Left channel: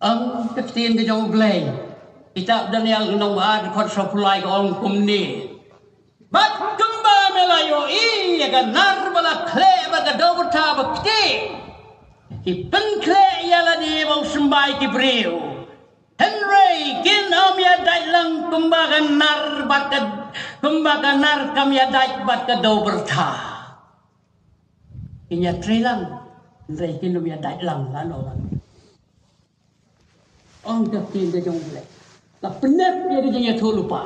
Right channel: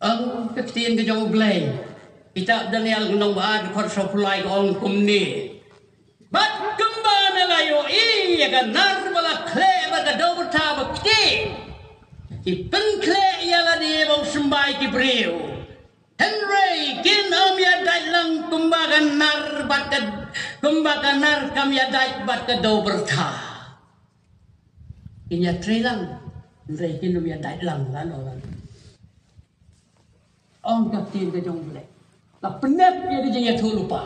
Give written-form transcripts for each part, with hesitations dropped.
Ang kaktiin ka jong blay. Itak Daniel gunong baad kot sopulay ko ang kumni. Bat kumba melayo iya ka narbala kle baga dobota bakti. Ipen kle yala di bang sembay ki brio. Henry kin am ya dai lang kumba ka nar bat ka kumba ka nar kam ya dai bat ka dobota. Inya trilang. Henry kin am ya dai lang lan orang. Ang kaktiin ka jong blay. La penat dia dia tu lupa.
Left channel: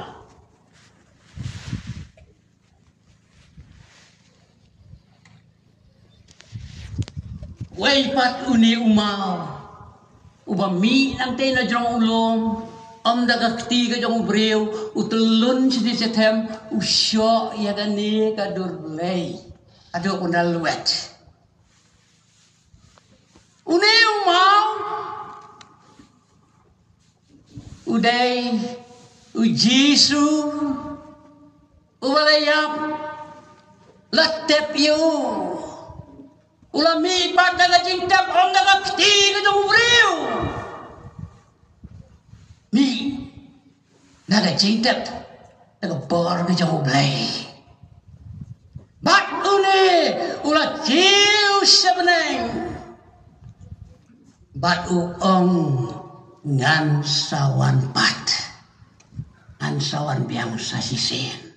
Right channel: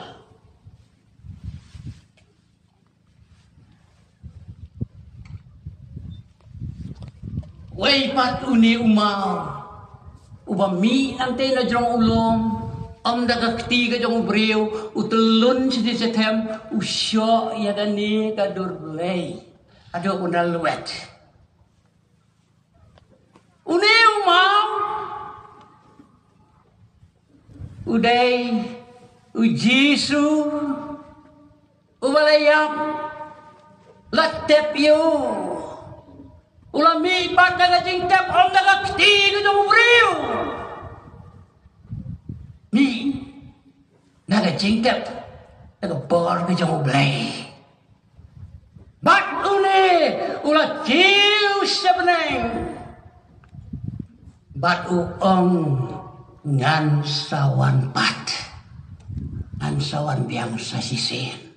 Wei pat uni umau. Uba mi nanti na jong ulom. Am daga ketiga jong ubriu. Utulun si setem. Usyo ya gani kadur belai. Aduh undal luet. Uni umau. Uday, ujisu, uwalayap, latep yu, ulami pat naga jingtap om naga kti ka jong ubriu. Mi, naga jingtap, naga bor ka jong ublay. Bat uni, ulat jiu sebeneng. Bat uong, ngan sawan pat ngan sawan biang sasisin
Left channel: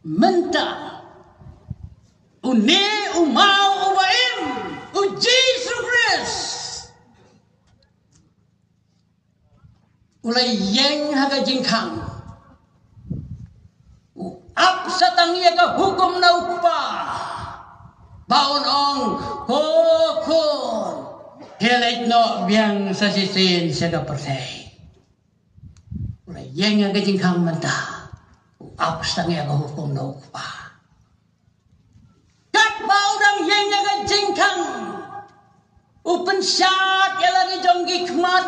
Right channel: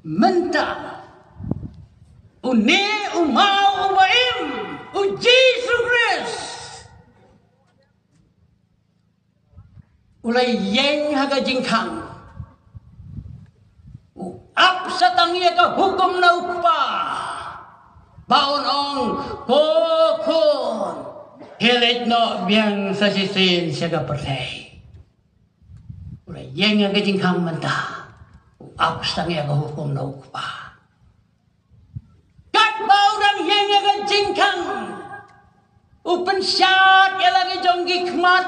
menta uni umau ubaim uji sukres ulai yeng haga jingkang ap satang ia ka hukum na upa baon ong kokon helet no biang sasisin sega pertai. Ulai yang yang kejingkang mentah. Apa sang yang hukum no kupa. Kat orang yang kejingkang. Upen syat yang lagi jonggi kmat.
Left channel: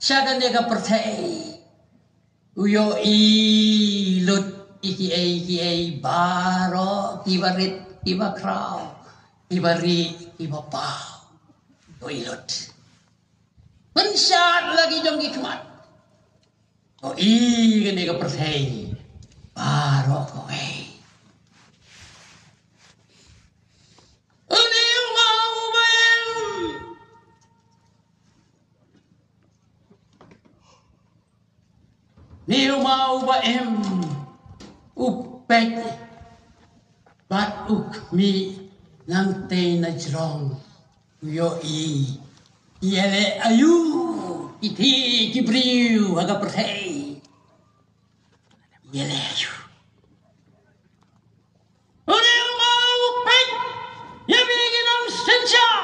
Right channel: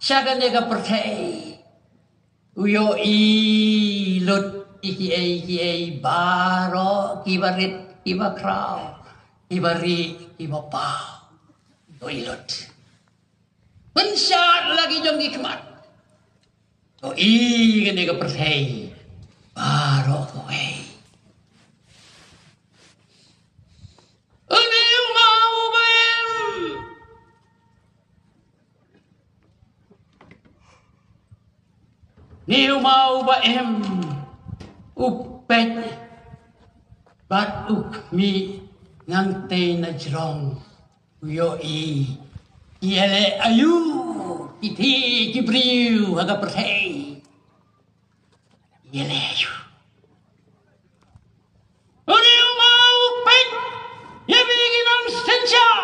Syaga nega pertai. Uyo lut iki baro kibarit kibakrau. Kibari kibapau. Toilet. Pensyat lagi jong hikmat. Ko gini ke percaya. Baru kowe. Ini mau bayam. Ni mau bayam. Upet. Bat ukmi ngante na jrong. Yo iele ayu iti kibriu aga percaya iele ayu uni mau pek ya bikin om sencar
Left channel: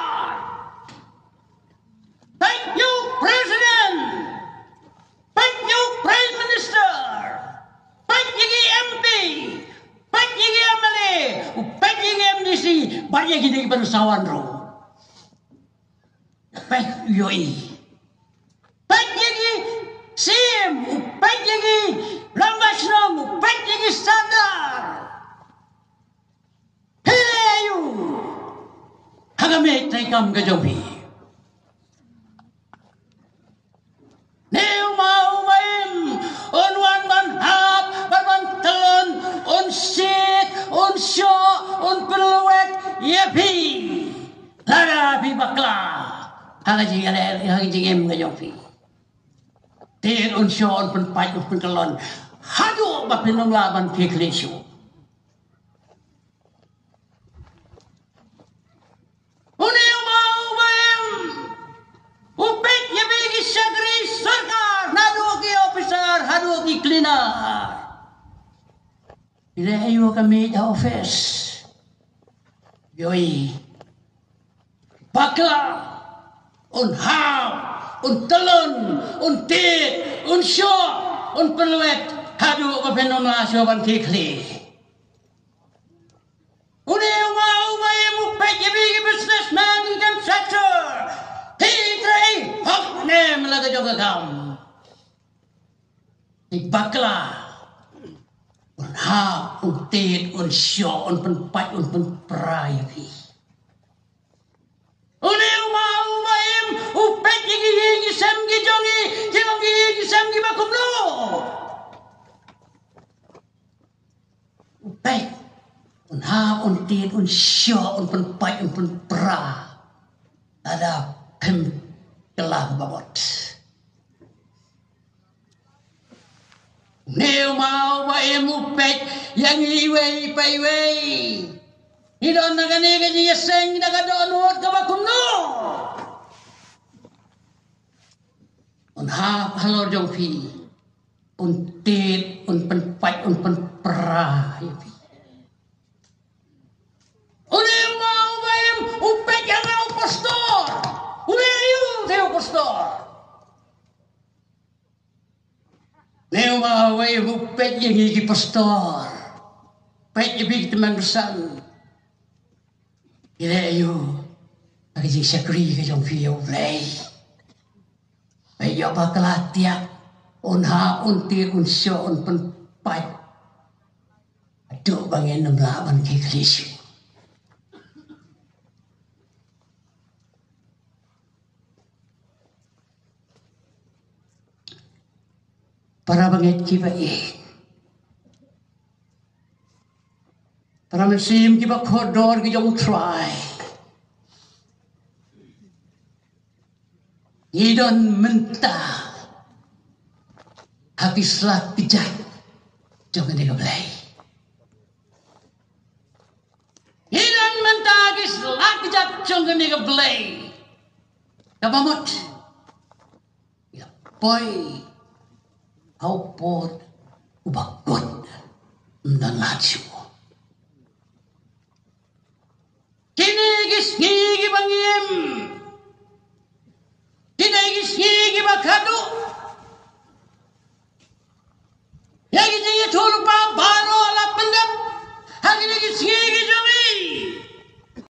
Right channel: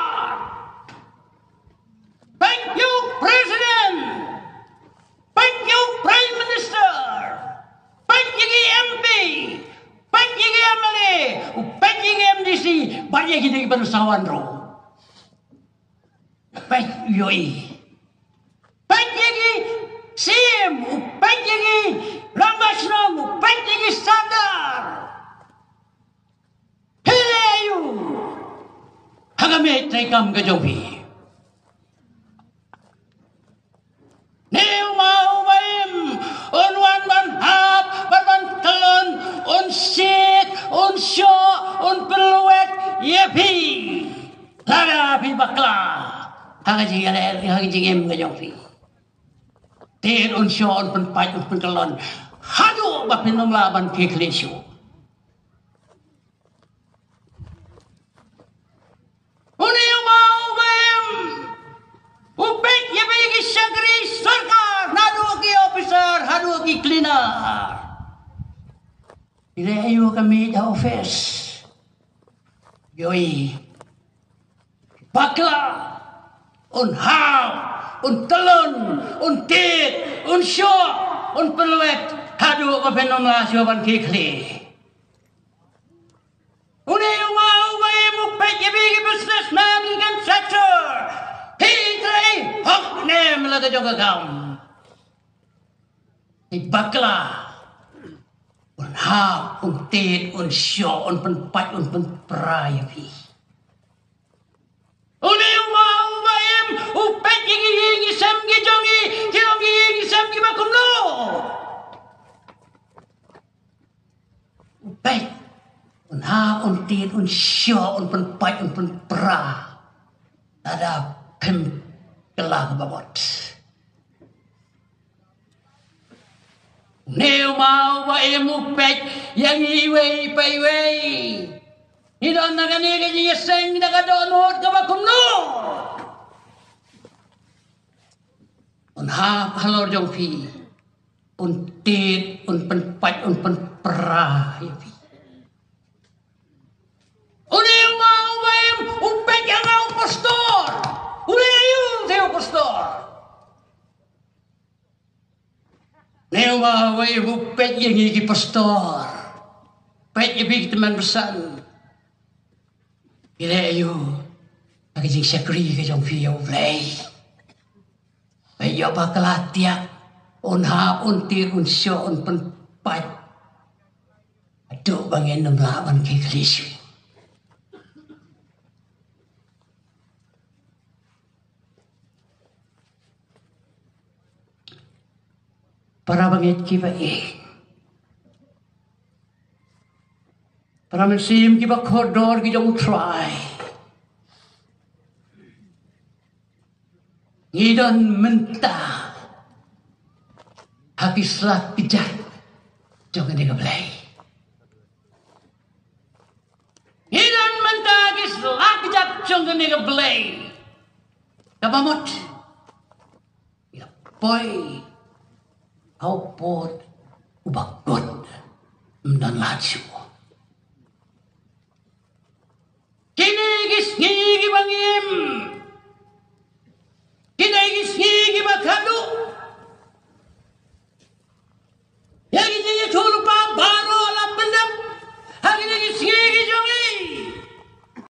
thank you president thank you prime minister thank you MP thank you MLA thank you MDC banyak gini bersawan ro baik yoi baik lagi sim baik lagi langasnom baik lagi sadar helayu hagame traikam gajombi neu mau baim on wan ban hap ban telon on sit on syo on peluet yepi lara pi bakla hagajing ale hagajing em gajong fi ter on shon pen pai pen kelon hadu ba penom laban ke kleshu uni mau bayam upek ya bigi sagri sarkar nadu ki officer hadu ki cleaner ire ayo kami da office yoi bakla un hau, un telun, un tit, un syok, un peluet, hadu kepenom lah siapan kikli. Uni mau bayam upek ya bigi businessman ikan sector. Hitrai hok nem laga joga kam. Bakla un hau, un tit, un syok, un penpat, un penperaya fi. Uni mau bayam jongi kirongi gisam gi bakum lo. Baik. Un ha un tin un syo un pen pai un pen pra. Ada pem kelah babot. Nếu mau ba emu pet yang iwei pai wei. Ni don na gani gani yeseng na gadon hot ka bakum no. Un ha halor jong pi. Un tit un pen pat un pen pra. Nếu mau ba em upet yang au pastor. Uyu teu pastor. Nếu mà vậy vụ pet yang iki pastor, pet ibig teman besan, ila ayo, bagi jing sakri ke jong fiyo play, ayo bakal tiak, on ha on tir on syo on pen pat, aduh bangin nem laban ke Kristus. Para bangit kiba para mensim kiba koridor ki jong try. Ngidon mentah habislah pijat jong ni gablay. Ngidon mentah habislah pijat jong ni gablay. Kabamot. Ya boy. Au pot ubakot dan laju. Kini gis ngigi bangim